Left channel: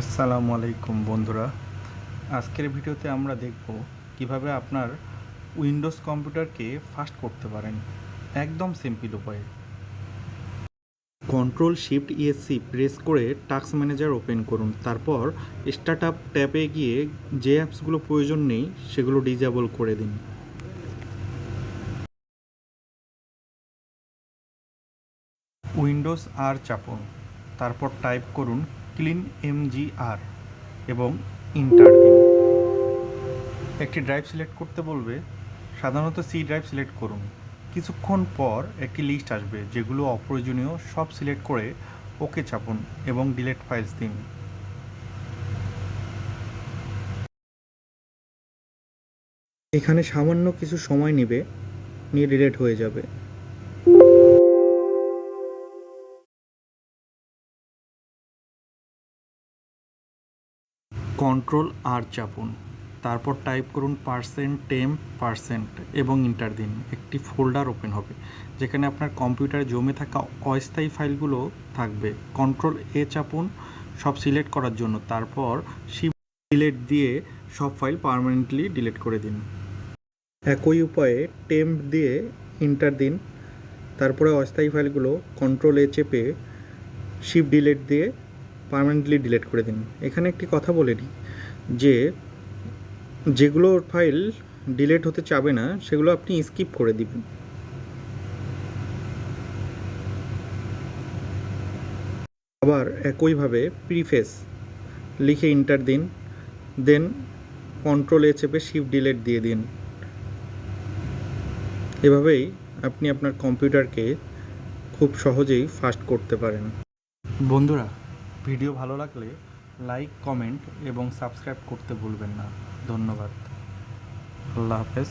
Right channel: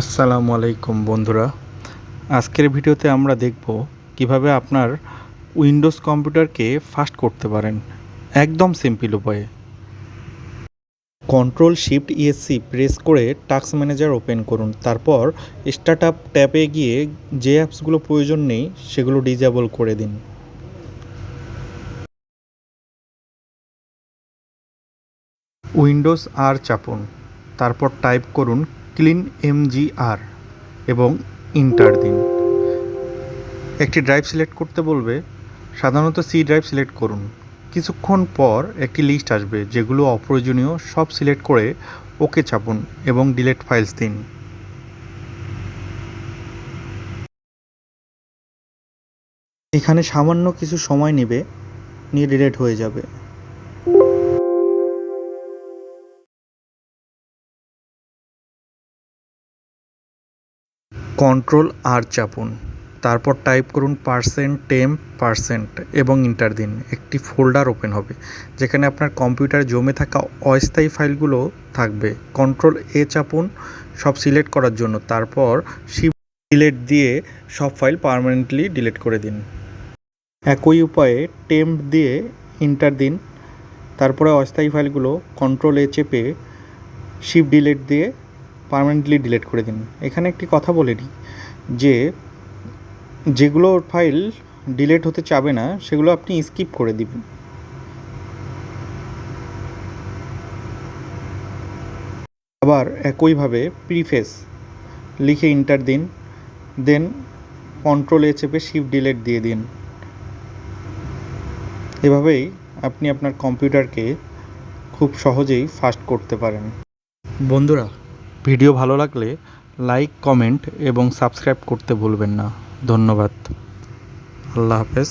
আসসালামু আলাইকুম বন্ধুরা। আজকের ভিডিওতে আমরা দেখব কিভাবে আপনার উইন্ডোজ কম্পিউটারকে ফাস্ট করতে পারেন একদম সিম্পল উপায়ে। কন্ট্রোল শিফট ইএসসি প্রেস করে টাস্ক ম্যানেজার ওপেন করুন। তারপর স্টার্ট আপ ট্যাবে গিয়ে যে অ্যাপসগুলো প্রয়োজন নেই সেগুলো ডিজেবল করে দিন। উইন্ডোজ আর চাপুন, তারপর টাইপ করুন ক্লিন এমজিআর এবং ইন্টার দিন। একটি ড্রাইভ সিলেক্ট করতে বলবে, সাধারণত সি ড্রাইভ সিলেক্ট করুন। কিছুক্ষণ পর একটি লিস্ট আসবে যেগুলো অপ্রয়োজনীয়, সব সিলেক্ট করে ওকে চাপুন এবং ডিলিট ফাইলস দিন। এখানে সামান্য কিছু সময় নেবে, নিয়ে ডিলিট হয়ে যাবে। কন্ট্রোল আর চাপুন, তারপর টাইপ করুন %temp% এবং ইন্টার দিন। একটি ফোল্ডার ওপেন হবে যেখানে আপনার কম্পিউটারে জমে থাকা অস্থায়ী ফাইলগুলো থাকবে। কন্ট্রোল এ চাপুন সব সিলেক্ট করার জন্য, তারপর শিফট ডিলিট দিয়ে সব ফাইল পার্মানেন্টলি ডিলিট করে দিন। একই উপায়ে টেম্প দিয়ে ইন্টার দিন, তারপরে অস্থায়ী ফাইলগুলো কন্ট্রোল এ চেপে শিফট ডিলিট দিয়ে পার্মানেন্টলি ডিলিট করে দিন। এখানে একটি কথা বলে নিই যে যেগুলো ফাইল ডিলিট হতে চাবে না সেগুলো আপনি স্কিপ করে দিবেন। আবার একইভাবে প্রিফেস লিখে ইন্টার দিন, দেন কন্ট্রোল এ চেপে শিফট ডিলিট দিয়ে দিন। এভাবেই আপনি আপনার কম্পিউটারকে খুব সহজেই ফাস্ট করতে পারেন। বন্ধুরা, ভিডিও ভালো লাগলে লাইক, কমেন্ট এবং সাবস্ক্রাইব করতে ভুলবেন না। ধন্যবাদ। আল্লাহ হাফেজ।